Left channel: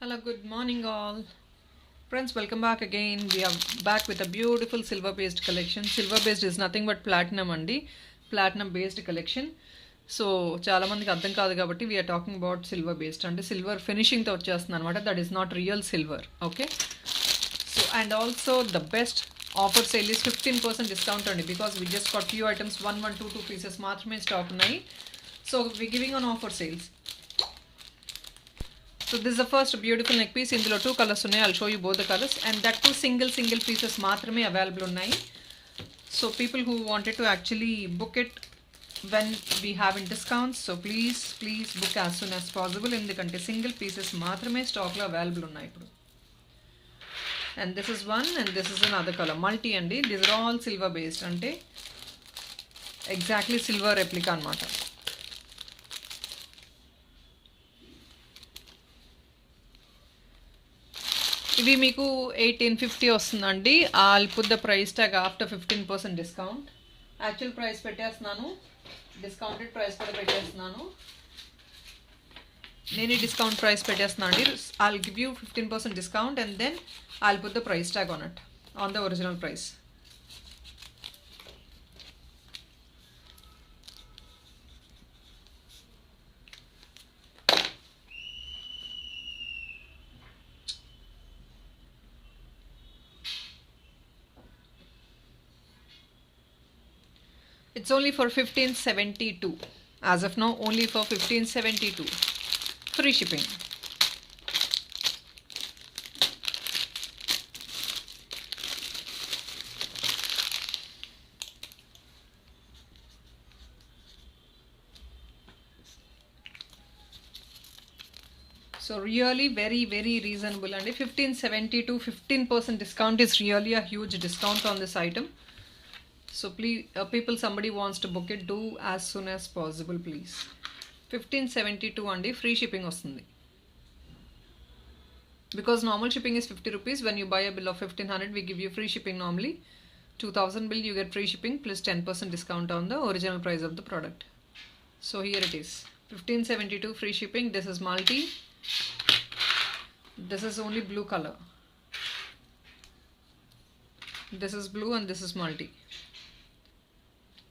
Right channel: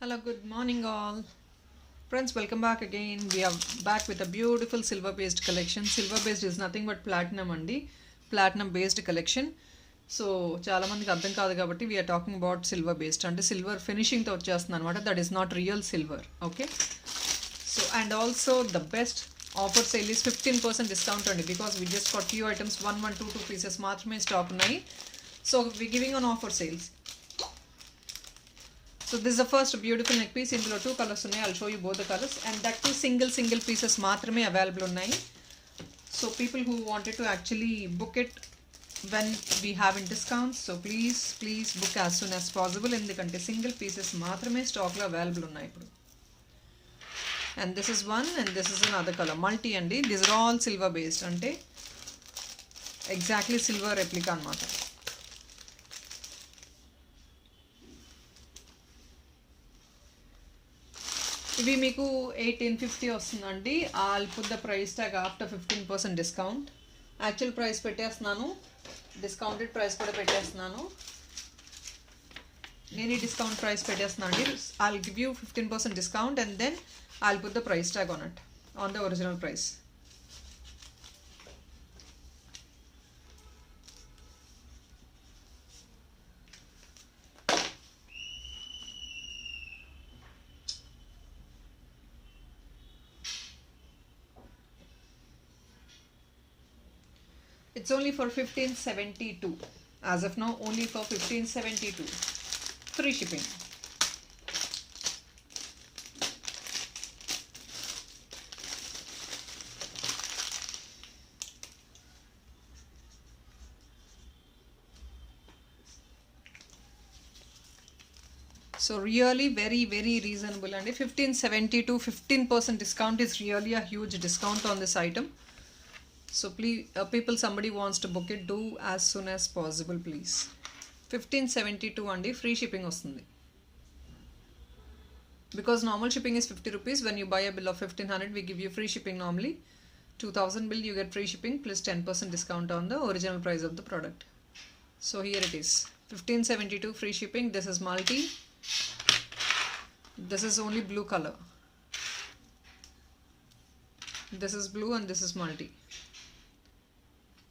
Hello, good morning, all. Friends, welcome back again. We are back with a beautiful silver based collection. Silver based is nothing but platinum అండి platinum based collection. So చాలా మందికి అర్థం కాదు కాబట్టి we are talking about silver based అంటే silver ఫినిషింగ్తో వచ్చేస్తుంది అనమాట. That is not real silver. Okay, so and also the best offer sale is 15% discount అండి. Because we just got few items 1 1 2 2 pieces మాత్రమే స్టాక్ ఉన్నాయి. So we giving on offer sales. So this is the first beautiful neck piece. ఇందులో 2 కలర్స్ ఉన్నాయి. I'll show you both the colors and that too single pieces మాత్రమే అవైలబుల్ ఉన్నాయి. So people who wanted to actually book it when we have in discounts, so please book as soon as possible. ఎందుకంటే single pieces మాత్రమే స్టాక్లో అవైలబుల్ ఉన్నాయి ఇప్పుడు. And this is one and this is another color. Multi అండి. These are all silver based అంటే exactly silver replica అనమాట. ఇవి మీకు 1850 వస్తుందండి. I'll put the price tag after 15% discount. Actual price పెట్టేస్తున్నాను, డిస్కౌంటెడ్ ప్రైస్ కూడా పెట్టేస్తున్నాను. నేను ఈ డిస్కౌంట్ ప్రైస్ పెట్టేస్తున్నాను అండి. I'll give you 15% discount and then I'll put the price tag on it on the original price. It's only for 1572. As of now, only for 1572. Free shipping. So really very reasonable, and 1572 15% discount is really a huge discount on this item. So please people, somebody wants to book it, do as soon as possible please. 1572 అండి, free shipping వస్తుంది. Because normal shipping is 50 rupees. When you buy a bill of 1500 we give you free shipping. Normally 2000 bill you get free shipping plus 10% discount on the original price of the product. So here it is, 1572 free shipping. This is multi, this is only blue color, this is blue and this is multi.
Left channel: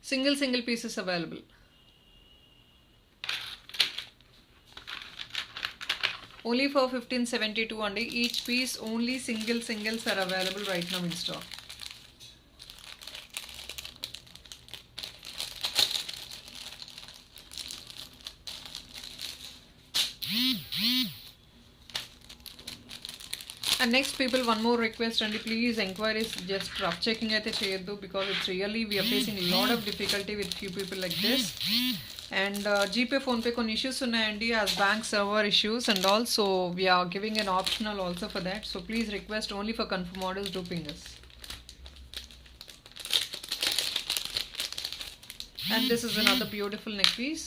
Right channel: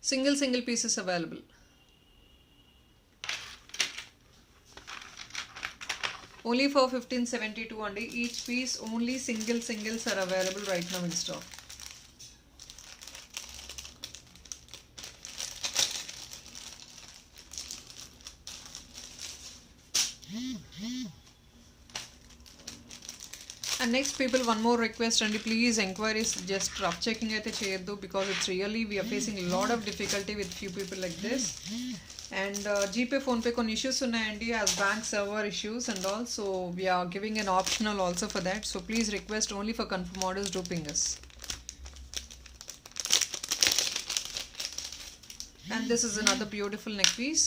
Single pieces available. Only for 1572 and each piece only singles are available right now in stock. And next people, one more request and please enquiries just rough checking aithe cheyaddu, because it's really we are facing a lot of difficulty with few people like this. And GPay phone pay కొన్ని issues ఉన్నాయండి as bank server issues and also we are giving an optional also for that. So please request only for confirm orders, do ping us. And this is another beautiful neck piece.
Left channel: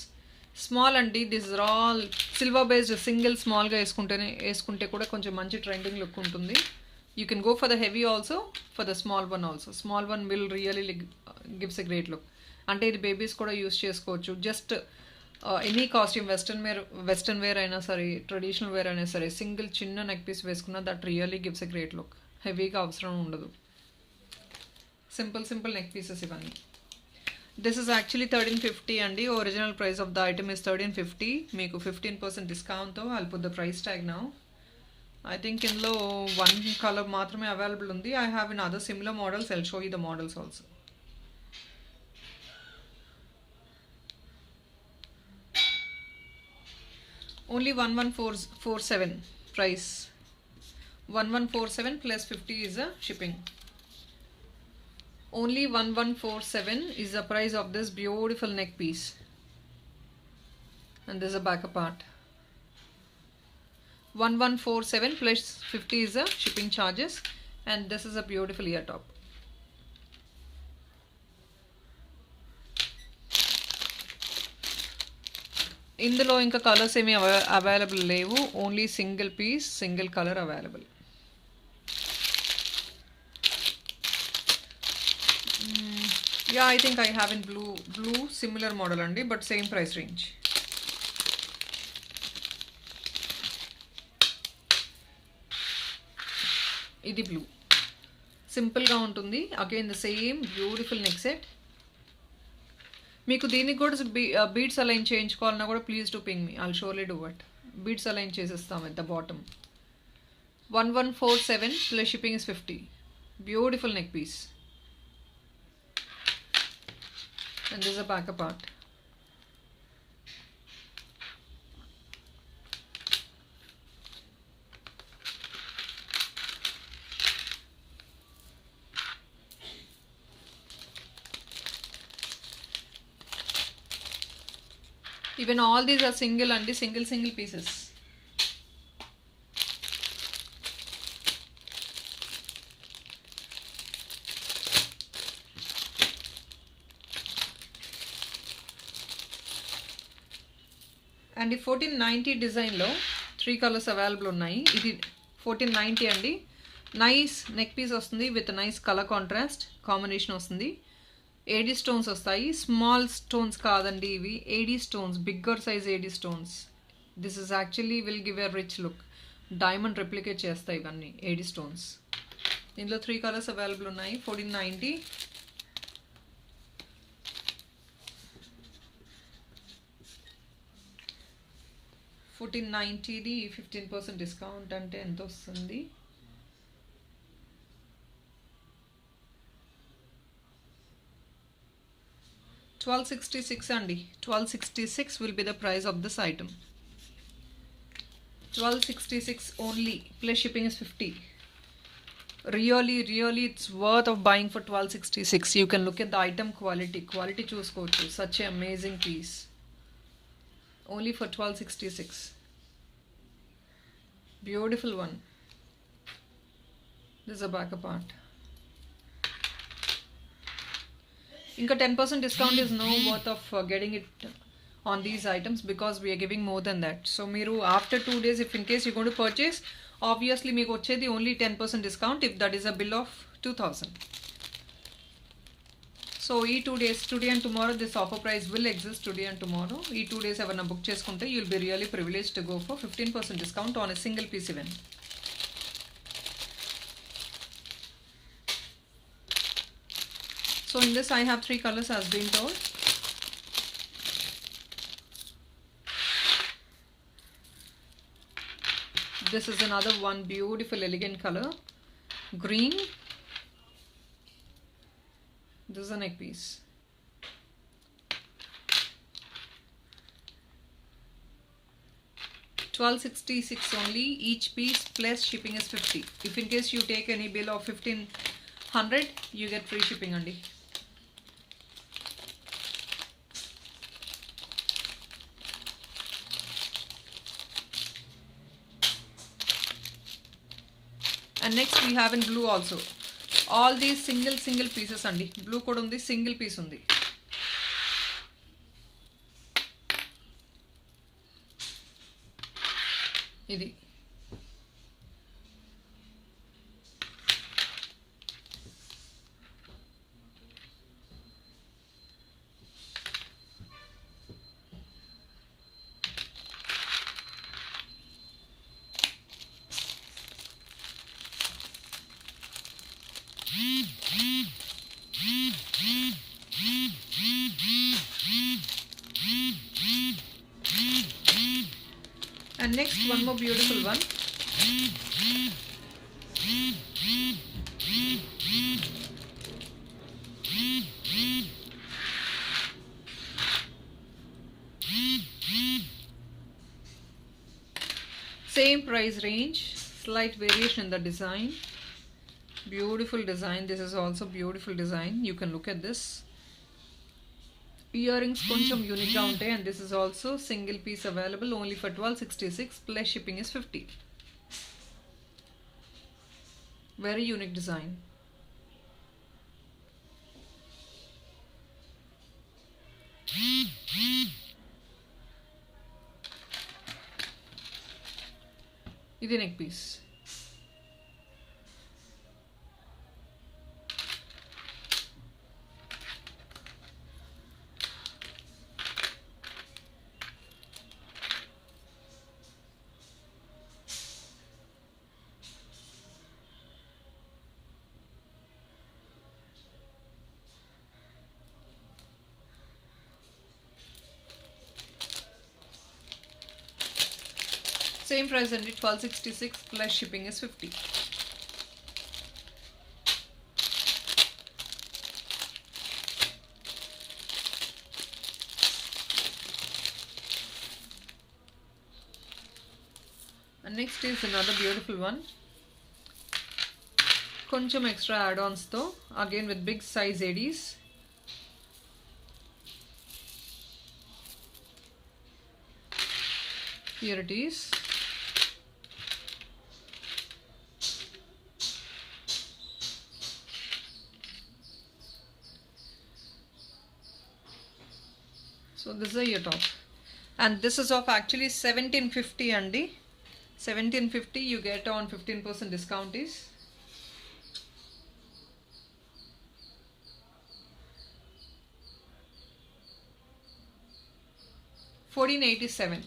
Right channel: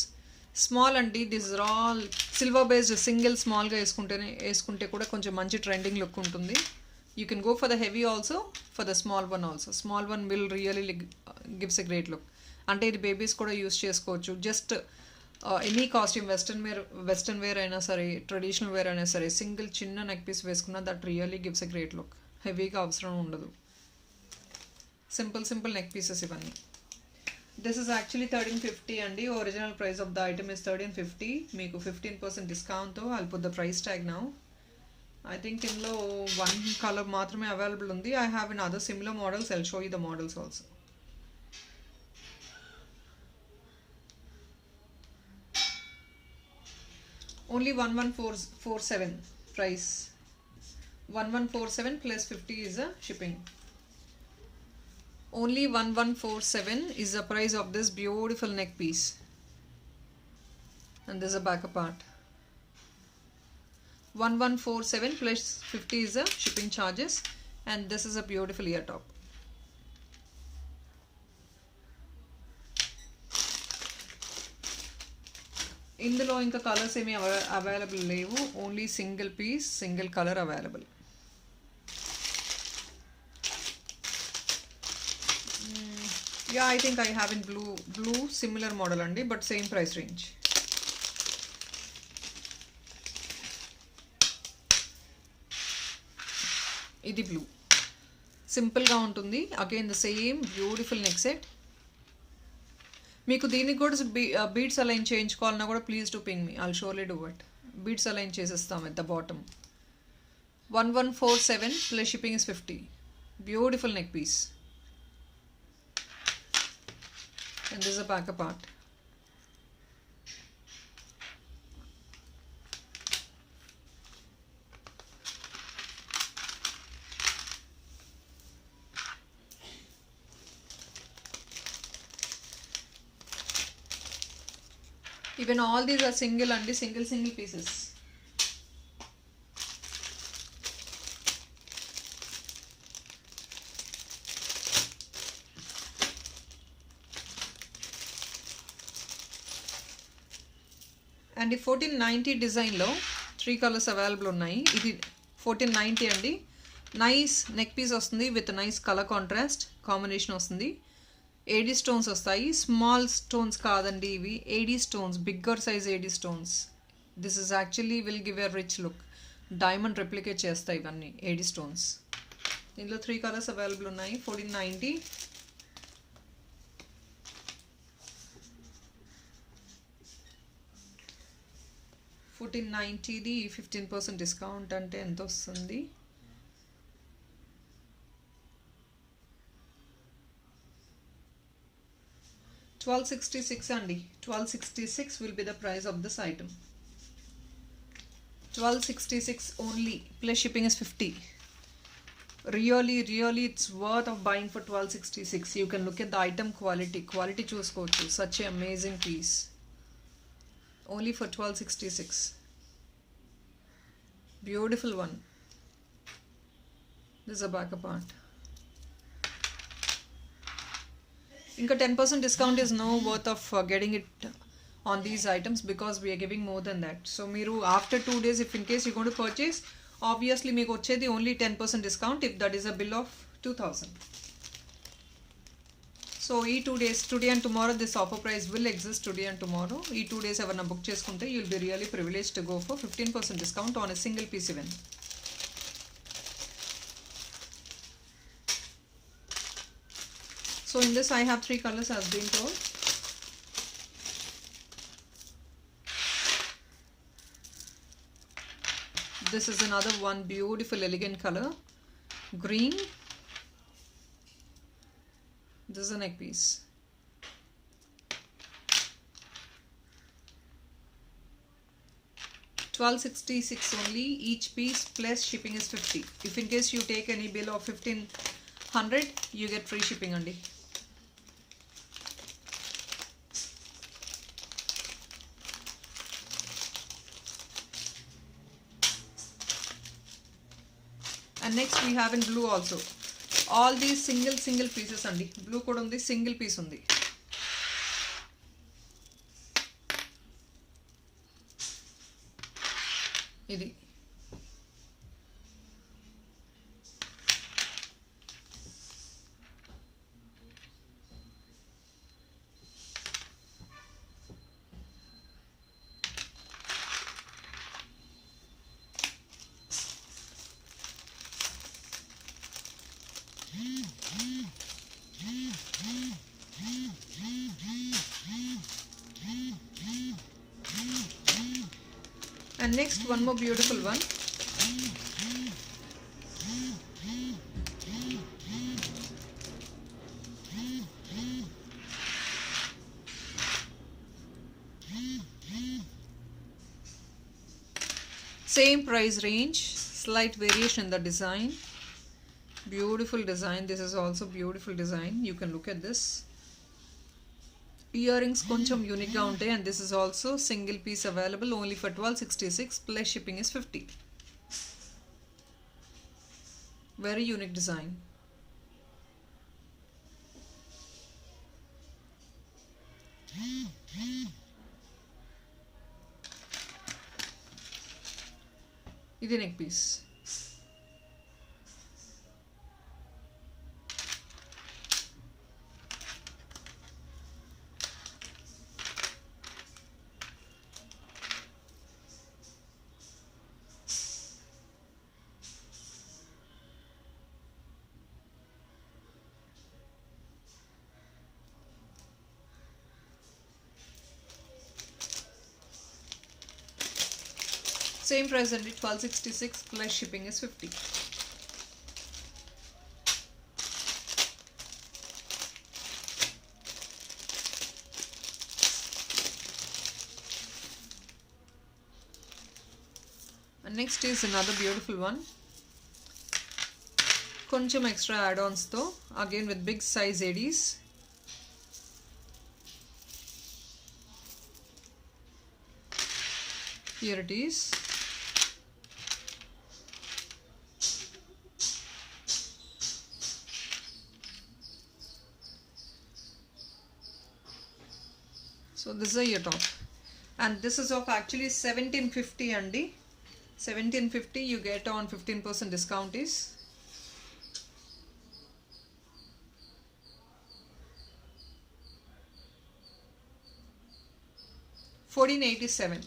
Small అండి. This are all silver based. Single స్మాల్గా వేసుకుంటే కూడా కొంచెం మంచి trending look ఉంటుంది. You can go for the heavy also, for the small one also. Small one will really gives a great look. అంటే ఇది babies కూడా యూస్ చేసుకోవచ్చు. Just any costume, western wear అయినా సరే, ట్రెడిషనల్ వేర్ అయినా సరే, single చిన్న నెక్ పీస్ వేసుకున్నా that really gives a great look. హెవీగా అవసరం ఉండదు. సింపుల్ నెక్ పీసెస్ ఇవన్నీ. This is actually 1350 అండి. Original price of the item is 1350. మీకు 15% డిస్కౌంట్తో I'll put the price tag now. I think ఇందులో వన్ కలర్ మాత్రమే అవైలబుల్ ఉంది. I have in other similar models. I'll show you the models also. Only 1147 price. 1147 plus 50 is a shipping. Only 1147 is the price of this beautiful neck piece. And this is a backup part. 1147 plus 50 is the shipping charges. And this is a beautiful ear top. ఇందులో ఇంకా కలర్స్ ఏమీ available లేవు. Only single piece, single colour available. Yeah, I think I have in blue similar model andi, but same price range. ఇది blue. సింపుల్గా ఉంటుంది. Again the same beautiful neck set. మీకు దీనికి కూడా బీడ్స్ అలైన్ చేయించుకోవాలన్నా కూడా please to ping me, I'll surely do it. Beads align చేసేస్తాం at the bottom. 1147 plus shipping is 50. Beautiful neck piece. And this is a back part. Even all these are single and single pieces. And 1490 డిజైన్లో 3 colours available ఉన్నాయి. ఇది 1490 అండి. Nice neck piece వస్తుంది with nice colour contrast combination వస్తుంది. AD stones వస్తాయి. Small stones కాదండి ఇవి, AD stones, bigger size AD stones. This is actually will give a rich look. Diamond replicate చేస్తాయి ఇవన్నీ ఏడీ స్టోన్స్. దీంట్లో 3 కలర్స్ అవైలబుల్ ఉన్నాయి. 1490. $1490ది 15% డిస్కౌంట్ అంటే ఎంత వస్తుంది? $1266 అండి. $1266 will be the price of this item. $1266 only plus shipping is 50. Really it's worth of buying for $1266. You can look at the item quality చూసుకోవచ్చు. Such an amazing piece. Only for $1266. Beautiful one. This is a back part. Inka 10% discount is no worth of getting it on these items because we are giving more than that. So meeru after 2 days, if in case you're going to purchase, obviously meeku vachedi only 10% discount if that is a bill of 2000. So ee 2 days, today and tomorrow, this offer price will exist today and tomorrow. Ee 2 days evarna book cheskunte you'll be really privileged to go for 15% discount on a single piece even. So in this I have 3 colors as being told. This is another one beautiful elegant color, green. This is a neck piece. $1266 only each piece plus shipping is 50. If in case you take any bill of 1500 you get free shipping andi. And next we have in blue also. All these single pieces andi. Blue kuda undi, single piece undi. Idi and next one more beautiful one. Same price range, slight variation in the design. Beautiful design. This is also beautiful design. You can look at this. Earrings కొంచెం unique గా ఉంటాయి, and this is also single piece available only for $1266 plus shipping is 50. Very unique design. ఇది neck piece. Same price and 1266 plus shipping is 50. And next is another beautiful one. Koncham extra add-ons though, again with big size ADs. Here it is. So this is your top, and this is of actually 1750 andi. 1750 you get on 15% discount is 1487.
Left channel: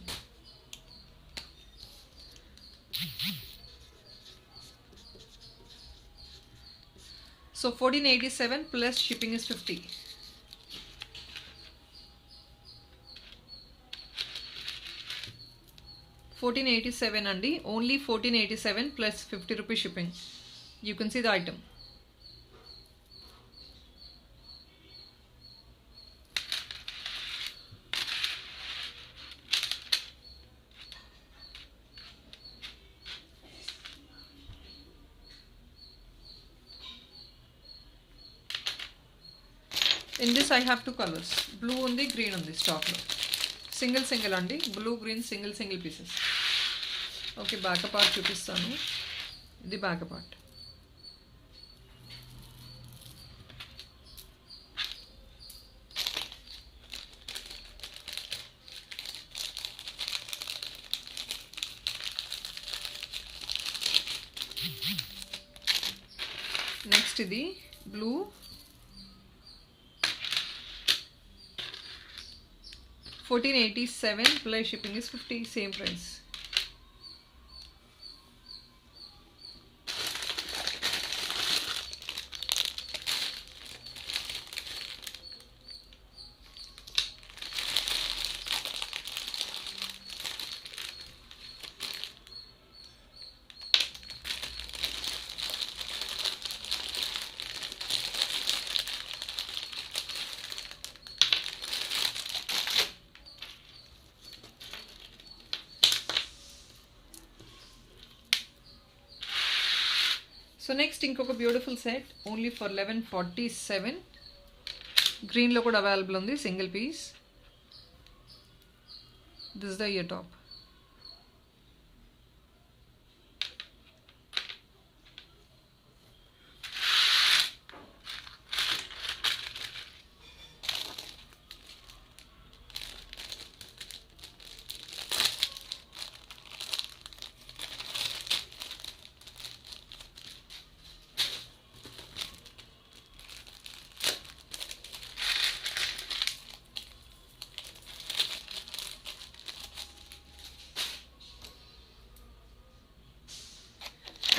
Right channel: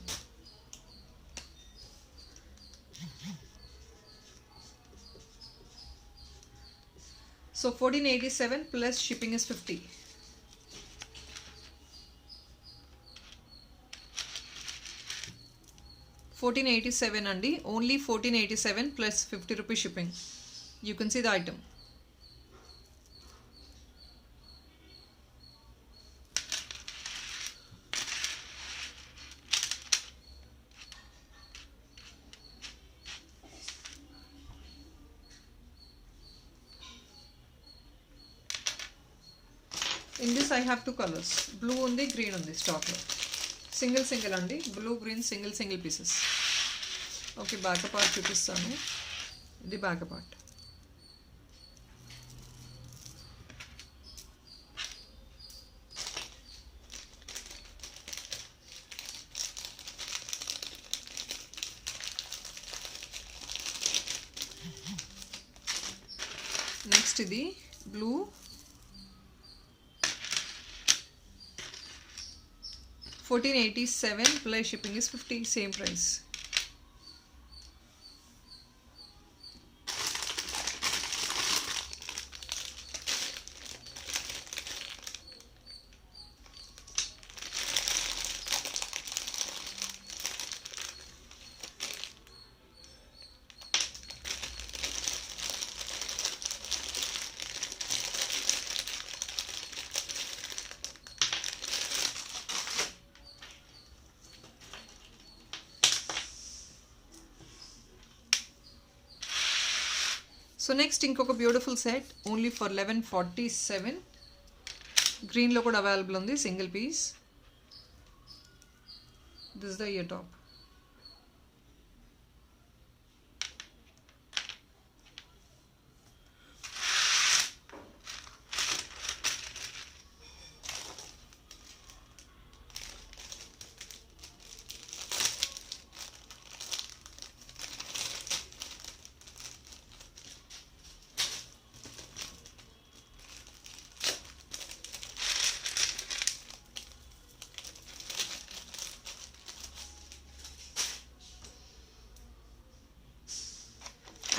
So 1487 plus shipping is 50. $1487 andi, only $1487 plus 50 rupees shipping. You can see the item. In this I have two colors, blue undi, green undi stock lo. Single andi, blue green single pieces. Okay, back part చూపిస్తాను. ఇది back part. Next ఇది blue, 1487 plus shipping is 50, same price. So next ఇంకొక beautiful set only for 1147. గ్రీన్లో కూడా available ఉంది, single piece. This the ear top.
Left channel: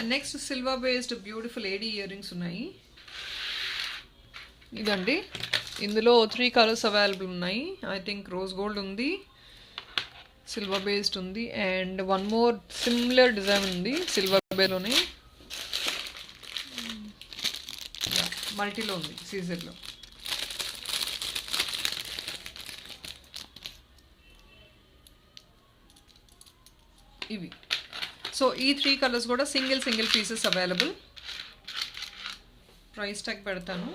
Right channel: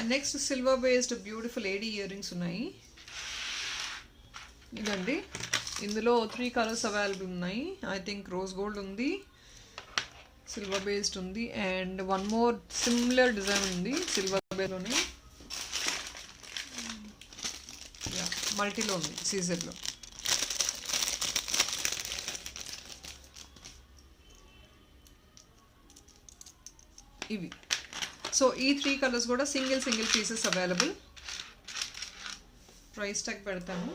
And next silver based beautiful AD earrings ఉన్నాయి. ఇదండి, ఇందులో 3 కలర్స్ అవైలబుల్ ఉన్నాయి. I think rose gold ఉంది, silver based ఉంది, and one more similar design ఉంది సిల్వర్ బేలోనే. మల్టీలో ఉంది, సీజర్లో. ఇవి సో ఈ 3 కలర్స్ కూడా single pieces available. Price tag పెడతాను.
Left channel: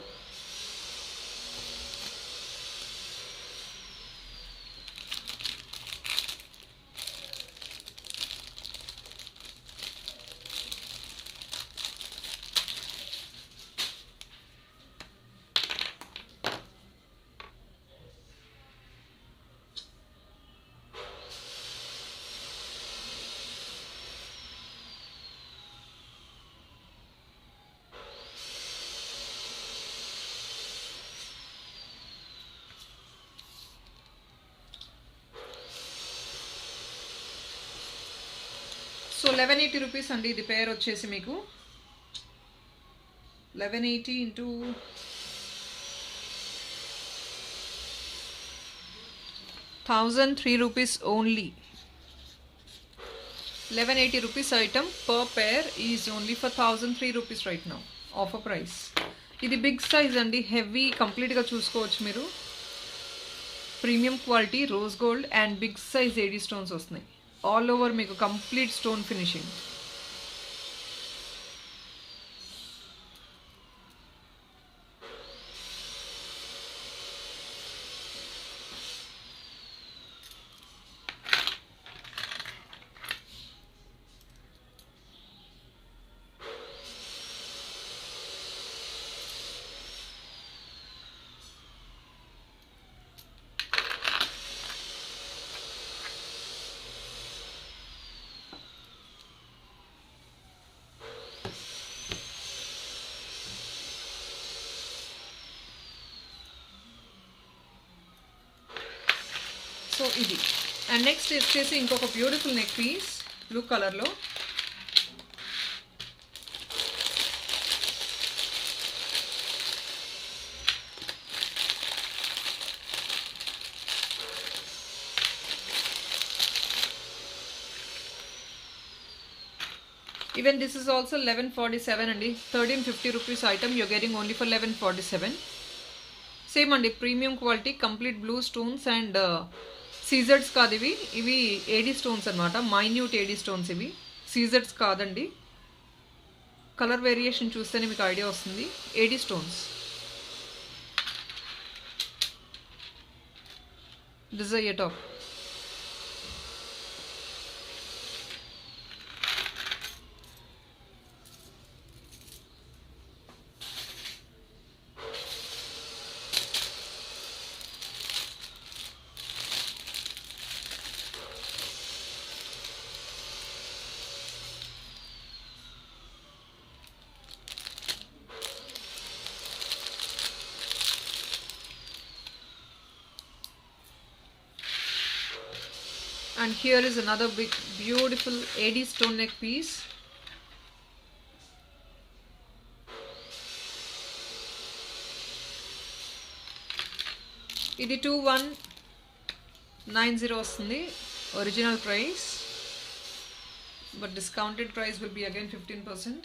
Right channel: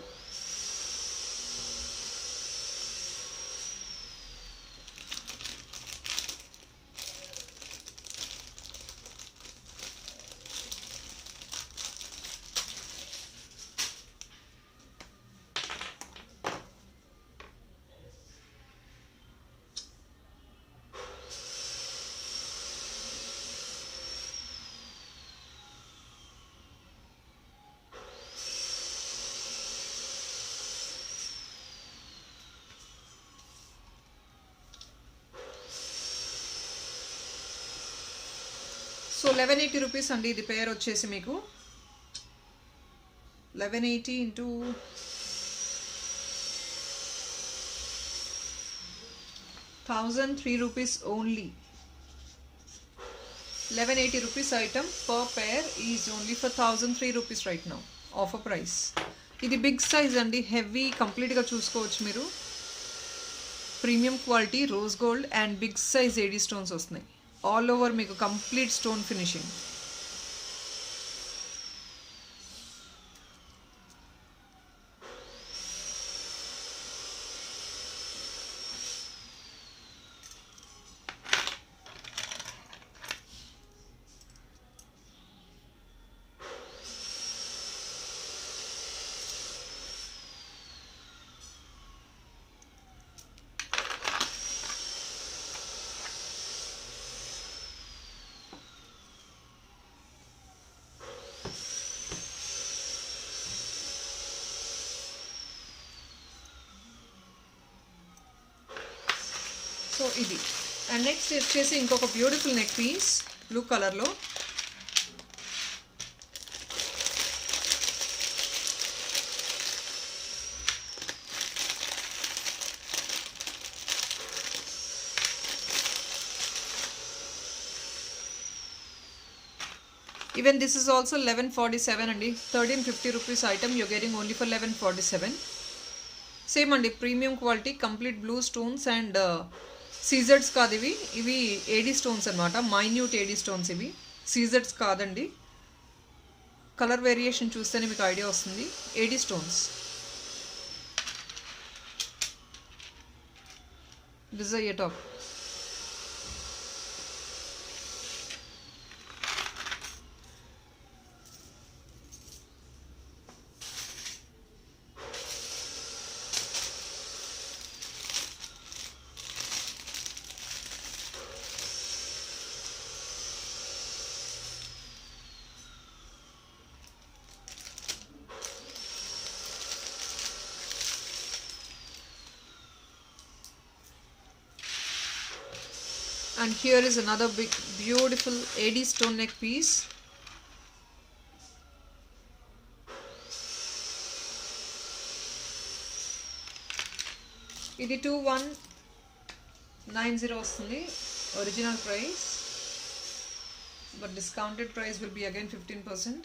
సో 1180 రూపీస్ అండి ఇది పేర్ వచ్చేసి మీకు 1180 ఇంటూ 1003 rupees only. 1180 rupees item per pair is only for 1003 rupees right now. Offer price. ఇది బిగ్ సైజ్ అండి, హెవీ కంప్లీట్గా చూసుకోవచ్చు మీరు. Premium quality rose gold and big size AD stones వస్తున్నాయి. ఆల్ ఓవర్ మీకు కంప్లీట్ స్టోన్ ఫినిషింగ్. సో ఇది and next వచ్చేసి ఇంకొక బ్యూటిఫుల్ నెక్ పీస్ బ్లూ కలర్లో. Even this is also 1147 అండి. 1350 rupees item you're getting only for 1147. Same అండి, premium quality complete blue stones and సీజర్స్ కాదు ఇవి. ఇవి ఏడీ స్టోన్స్ అనమాట, మైన్యూట్ ఏడీ స్టోన్స్ ఇవి. సీజర్స్ కాదండి. కలర్ వేరియేషన్ చూస్తేనే మీకు ఐడియా వస్తుంది. AD stones. This is a top. And here is another big beautiful AD stone neck piece. ఇది 2190 వస్తుంది ఒరిజినల్ ప్రైస్, but discounted price will be again 15%.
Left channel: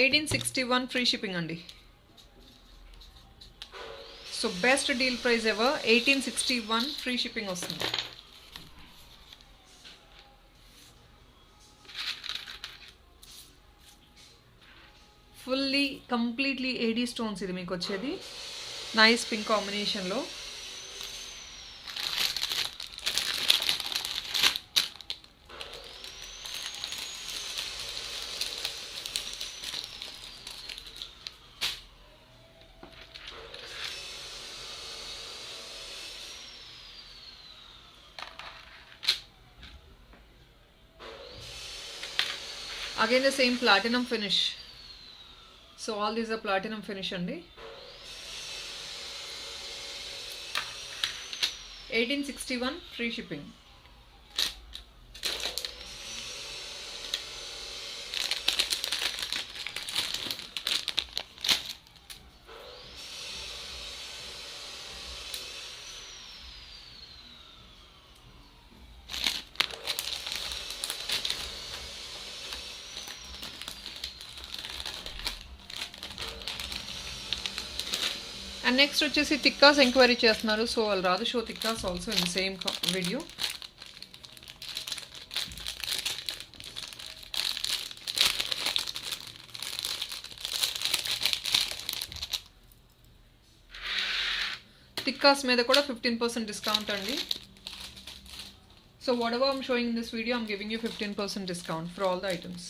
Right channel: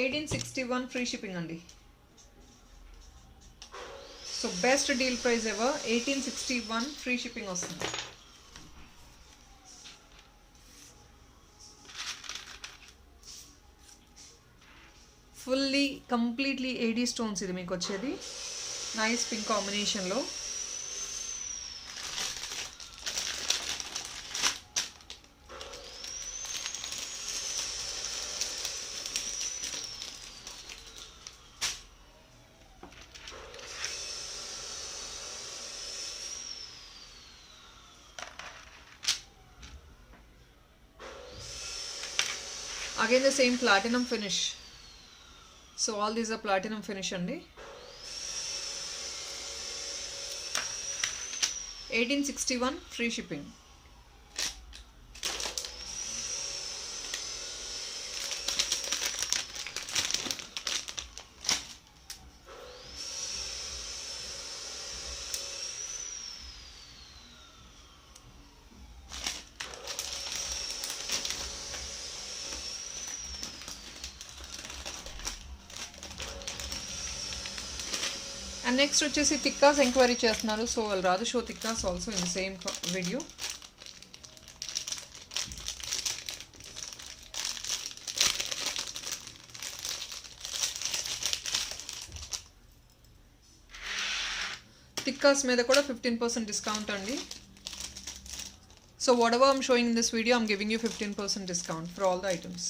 $1861 free shipping అండి. So best deal price ever. 1861 free shipping వస్తుంది. Fully completely AD stones ఇది మీకు వచ్చేది. Nice pink కాంబినేషన్లో. Again the same platinum finish. So all these are platinum finish andi. 1861 free shipping. And next వచ్చేసి టిక్కాస్ ఎంక్వైరీ చేస్తున్నారు. So I'll rather show tikkas also in the same video. Tikkas మీద కూడా 15% discount అండి. So whatever I'm showing in this video, I'm giving you 15% discount for all the items.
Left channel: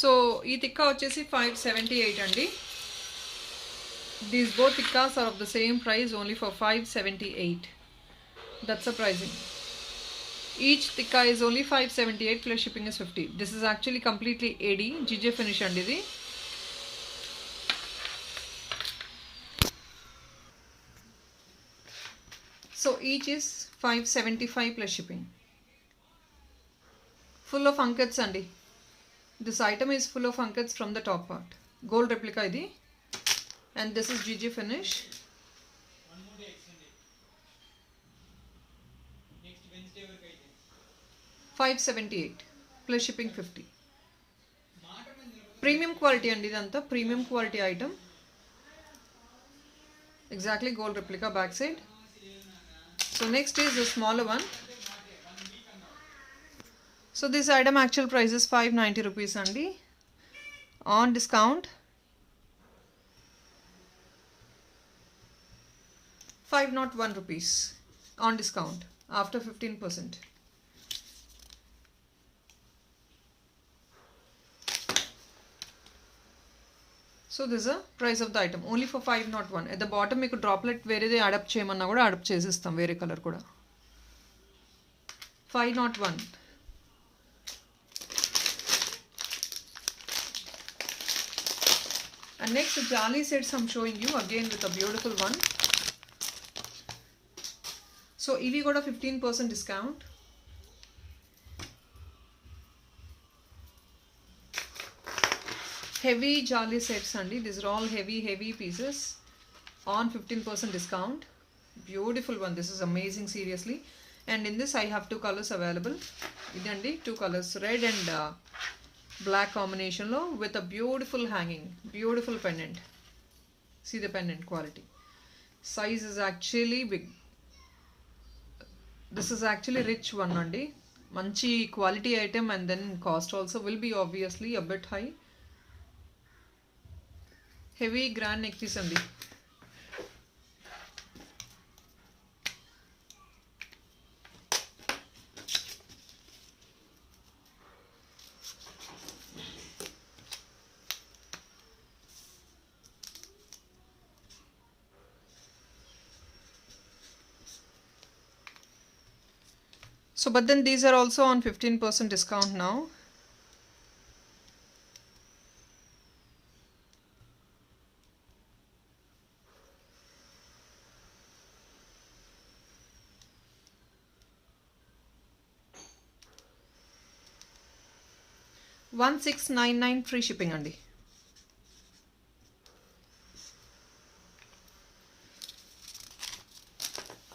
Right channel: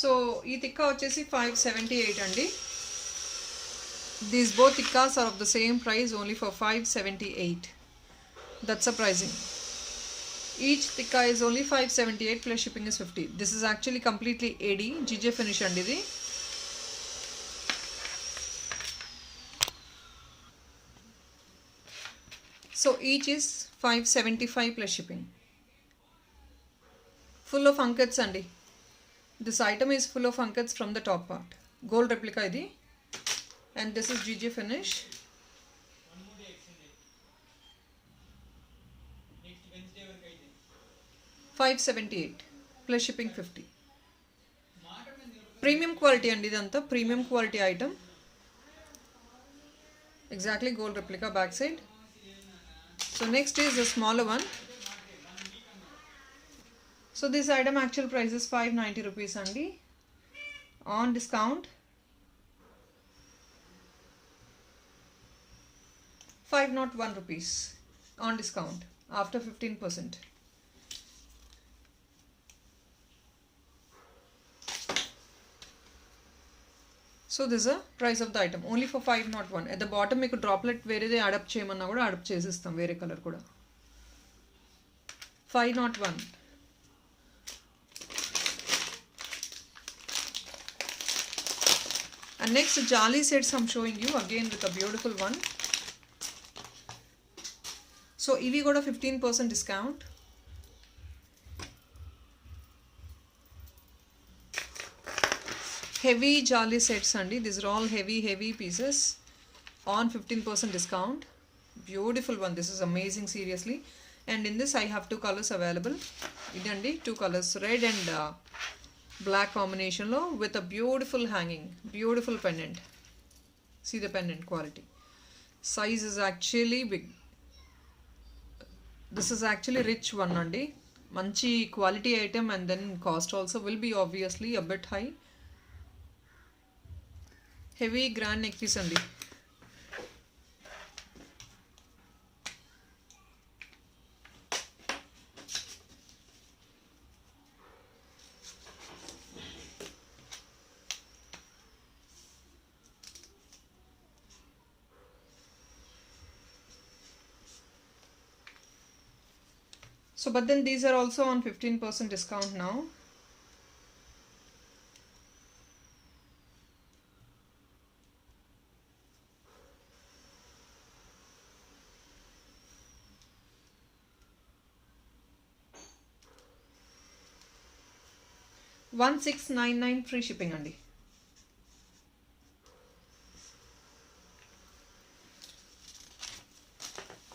So ఈ తిక్కా వచ్చేసి 578 అండి. These both tikkas are of the same price only for 578. That's surprising. Each tikka is only 578 plus shipping is 50. This is actually completely AD GJ finish అండి ఇది. So each is 575 plus shipping. Full of ankats andi. This item is full of ankats from the top part. Gold replica idi. And this is GJ finish. $578 plus shipping 50. Premium quality andi idantha. Premium quality item. Exactly gold replica backside. So next is the smaller one. So this item actual price is 590 rupees andi. On discount 501 rupees on discount after 15%. So this is the price of the item only for 501. At the bottom meeku droplet verede add up cheyamanna kuda add up chesistam vere color kuda. 501. And next jali sets I'm showing you again with a beautiful one. So ivi got a 15% discount. Heavy jali sets andi. These are all heavy pieces on 15% discount. Beautiful one. This is amazing, seriously. And in this I have two colors available. Idandi two colors, red and black combination lo with a beautiful hanging, beautiful pendant. See the pendant quality. Size is actually big. This is actually rich one andi. Manchi quality item and then cost also will be obviously a bit high. Heavy grand neck piece andi. So but then these are also on 15% discount now. $1699 free shipping andi.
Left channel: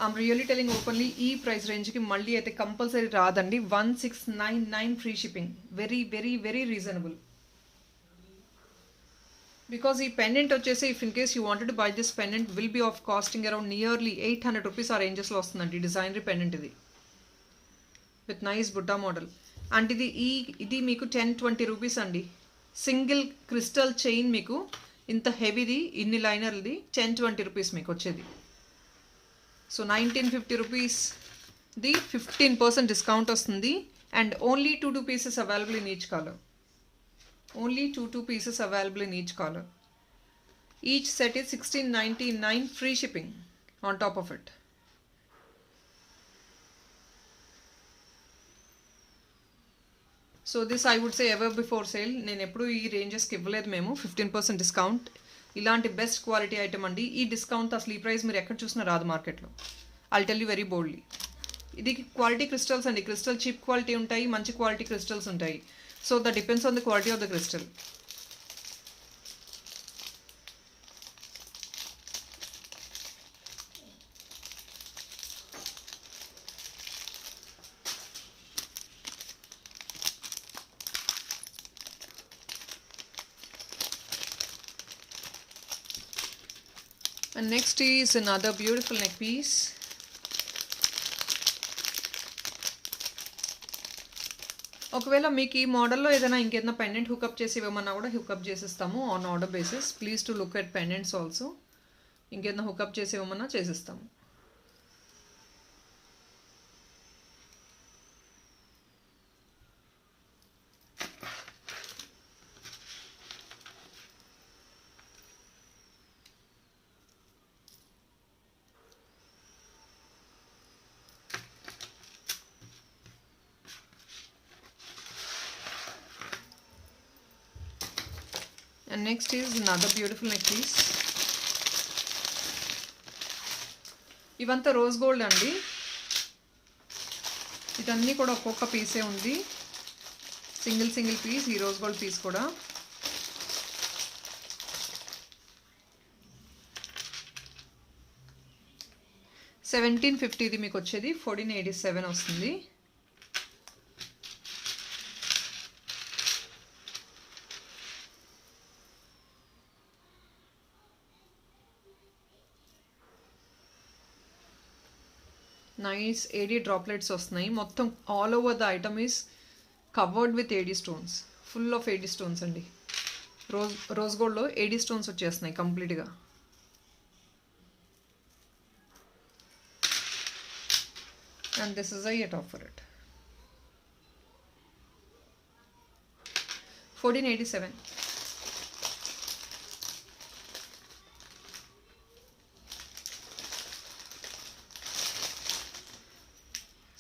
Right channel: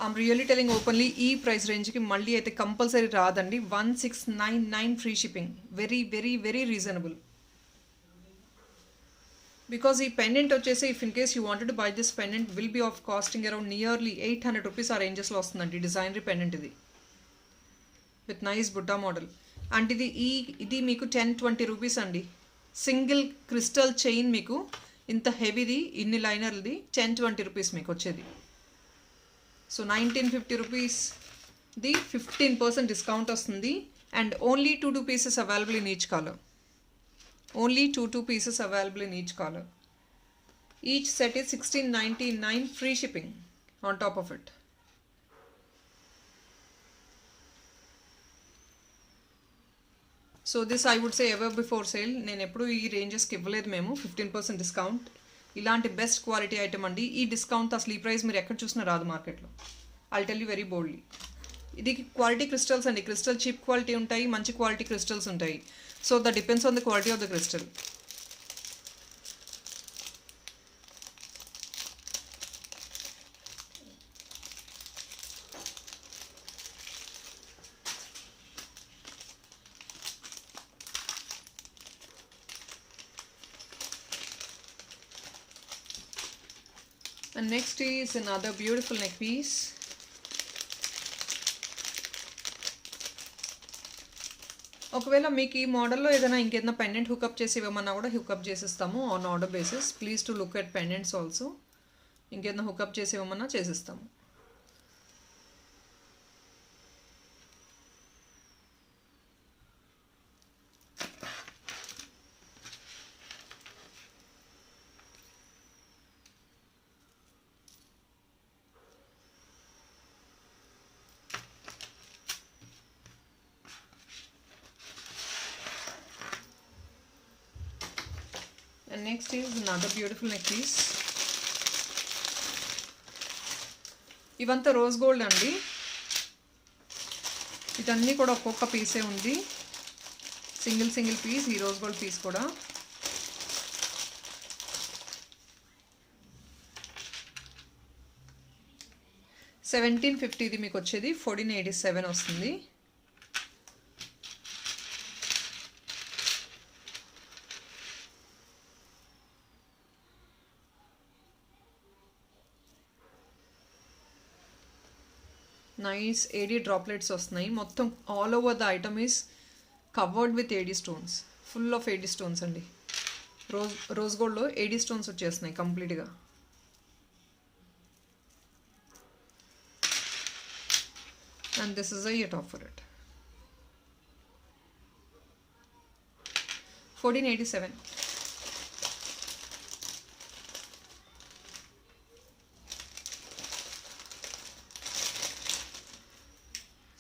I'm really telling openly ee price range ki malli aithe compulsory raadandi. 1699 free shipping. Very reasonable. Because ee pendant vachese if in case you wanted to buy this pendant will be of costing around nearly 800 rupees ఆ ranges లో వస్తుందండి. Designery pendant ఇది with nice Buddha model. And ఇది మీకు 10-20 రూపీస్ అండి. Single crystal chain మీకు ఇంత హెవీది ఇన్ని లైనర్ది 10-20 రూపీస్ మీకు వచ్చేది. సో 1950 రూపీస్ ది 15% డిస్కౌంట్ వస్తుంది. And only 2 pieces available in each colour. Only 2 pieces available in each color. Each set is $1699 free shipping on top of it. So this I would say ever before sale. నేను ఎప్పుడు ఈ రేంజెస్కి ఇవ్వలేదు మేము 15% డిస్కౌంట్. ఇలాంటి best quality item అండి. ఈ డిస్కౌంట్ అసలు ఈ ప్రైస్ మీరు ఎక్కడ చూసినా రాదు మార్కెట్లో. I'll tell you very boldly. ఇది క్వాలిటీ క్రిస్టల్స్ అండి. క్రిస్టల్ చీప్ క్వాలిటీ ఉంటాయి, మంచి క్వాలిటీ క్రిస్టల్స్ ఉంటాయి. So that depends on the quality of the crystal. And next is another beautiful neck piece. ఒకవేళ మీకు ఈ మోడల్లో ఏదైనా ఇంకేదైనా పెండెంట్ హుకప్ చేసి ఇవ్వమన్నా కూడా హుకప్ చేసిస్తాము on order basis. Please to look at pendants also. ఇంకేదైనా హుకప్ చేసి ఇవ్వమన్నా చేసిస్తాము. And next is another beautiful necklace. ఇవంతా రోజ్ గోల్డ్ అండి. ఇదన్నీ కూడా ఒక్కొక్క పీసే ఉంది, సింగిల్ పీస్. ఈ రోజ్ గోల్డ్ పీస్ కూడా 1750 ఇది మీకు వచ్చేది 1487 వస్తుంది. నైస్ ఏడీ డ్రాప్లెట్స్ వస్తున్నాయి. మొత్తం all over the item is covered with AD stones, full of AD stones అండి. రోజ్ గోల్డ్లో ఏడీ స్టోన్స్ వచ్చేస్తున్నాయి కంప్లీట్గా. And this is a top for it. 1487.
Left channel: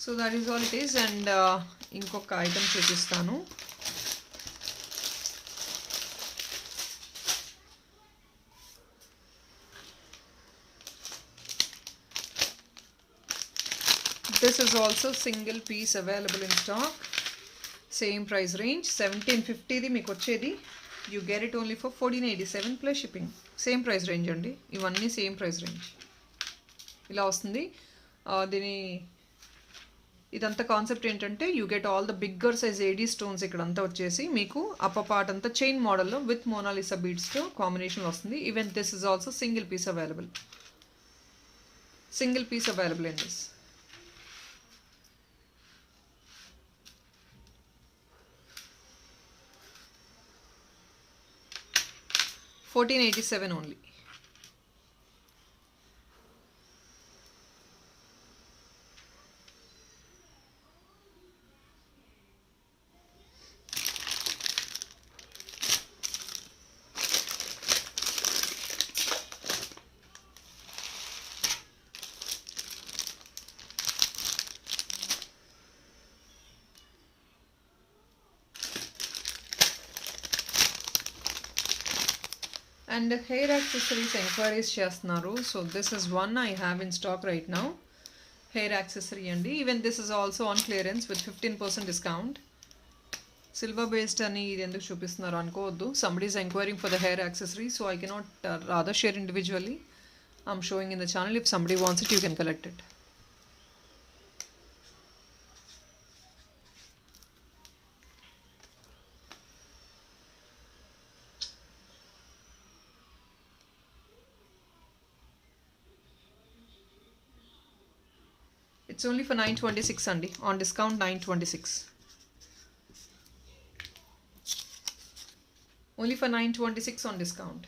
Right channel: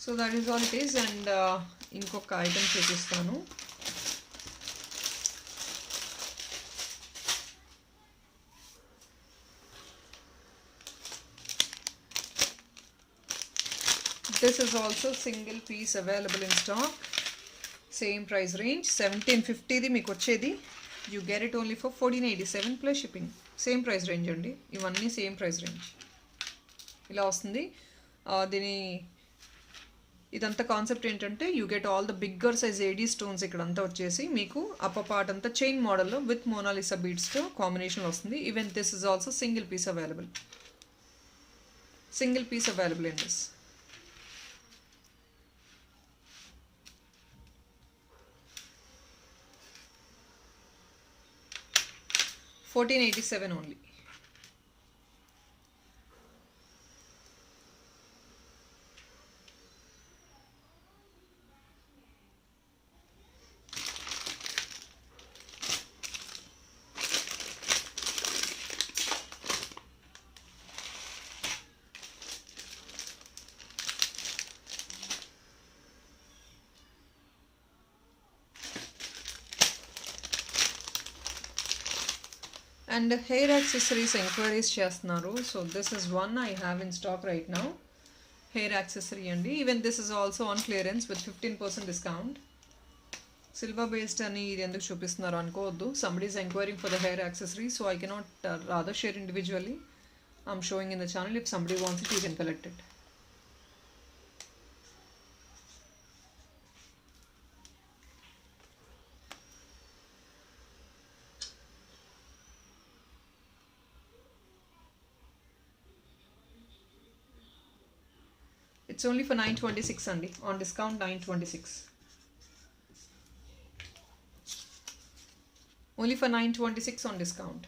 So that is all it is. And ఇంకొక ఐటమ్ చూపిస్తాను. This is also single piece available in stock. Same price range 1750 ఇది మీకు వచ్చేది. You get it only for 1487 plus shipping. Same price range అండి. ఇవన్నీ same price range ఇలా వస్తుంది. ఇదంతా కాన్సెప్ట్ ఏంటంటే you get all the bigger size AD stones ఇక్కడంతా వచ్చేసి మీకు అప్పర్ పార్ట్ అంతా చైన్ మోడల్లో విత్ మోనాలిసా బీడ్స్తో కాంబినేషన్ వస్తుంది. Even this is also single piece available. Single piece available in this. $1487 only. And hair accessories enquiries చేస్తున్నారు. So this is one I have in stock right now. Hair accessory అండి. Even this is also on clearance with 15% discount. Silver based అని ఇది ఎందుకు చూపిస్తున్నారు అనుకోవద్దు. Somebody is enquiring for the hair accessory, so I cannot rather share individually. I'm showing in the channel. If somebody wants it, you can collect it. It's only for 926 అండి. On discount 926. Only for 926 on discount.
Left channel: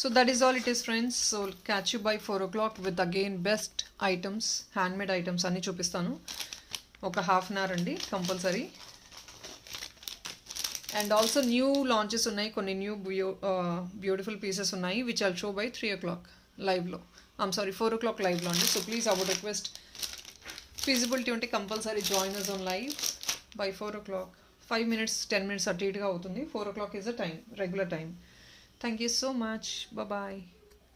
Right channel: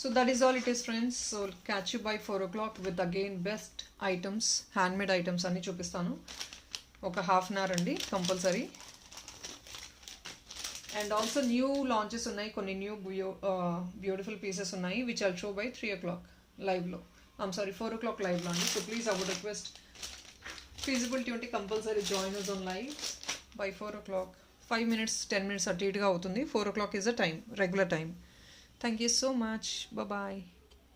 So that is all it is, friends. So catch you by 4 o'clock with again best items, handmade items అన్ని చూపిస్తాను. ఒక half an hour అండి compulsory. And also new launches ఉన్నాయి, కొన్ని new beautiful pieces ఉన్నాయి which I'll show by 3 o'clock లైవ్లో. 4 o'clock లైవ్లో అండి. So please I would request feasibility ఉంటే compulsory join us on live by 4 o'clock. 5 minutes 10 minutes అటు ఇటుగా అవుతుంది. 4 o'clock is the time, regular time. Thank you so much. Bye bye.